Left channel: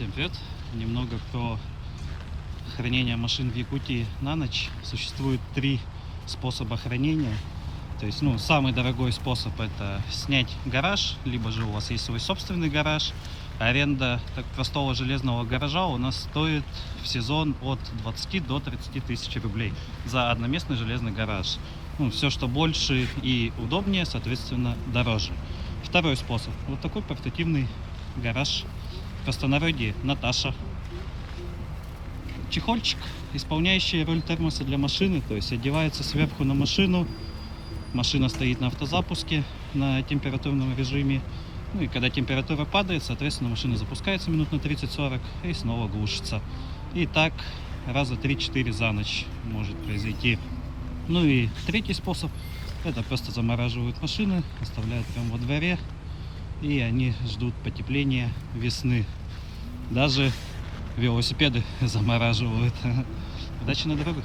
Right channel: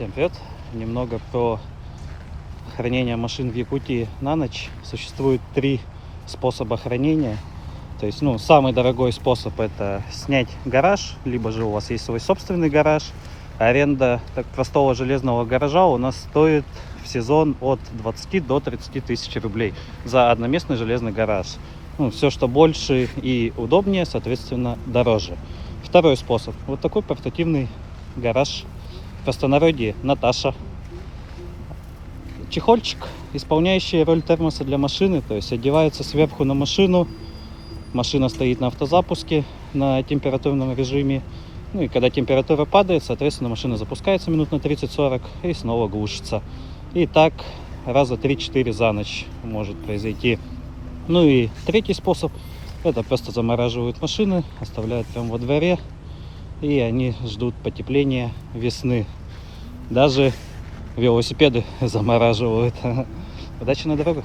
Всем привет! Немного про хранение машин в Якутии на ночь. Существует три способа хранения. То есть, самый дорогой способ — это снять гараж, либо же у вас есть свой собственный гараж. Аренда так простого железного гаража у нас стоит в сезон от 20 до 30 тысяч рублей за одноместный железный гараж. Все, что больше и удобнее, соответственно, дороже. Второй способ — вот такой портативный гараж. В простонародье Наташа. Чехольчик, исполняющий роль термоса для машины, то есть одевается сверху на машину. Машина стоит на автозапуске на температурном режиме. И когда температура падает, соответственно, машина запускается минут на 30-40 и снова глушится. И так раза 3-4 за ночь может произойти. И третий способ — это просто замораживают машины, оставляют прямо во дворе, и они ждут потепления весны. Даже велосипеды замораживают. Удачи на дорогах!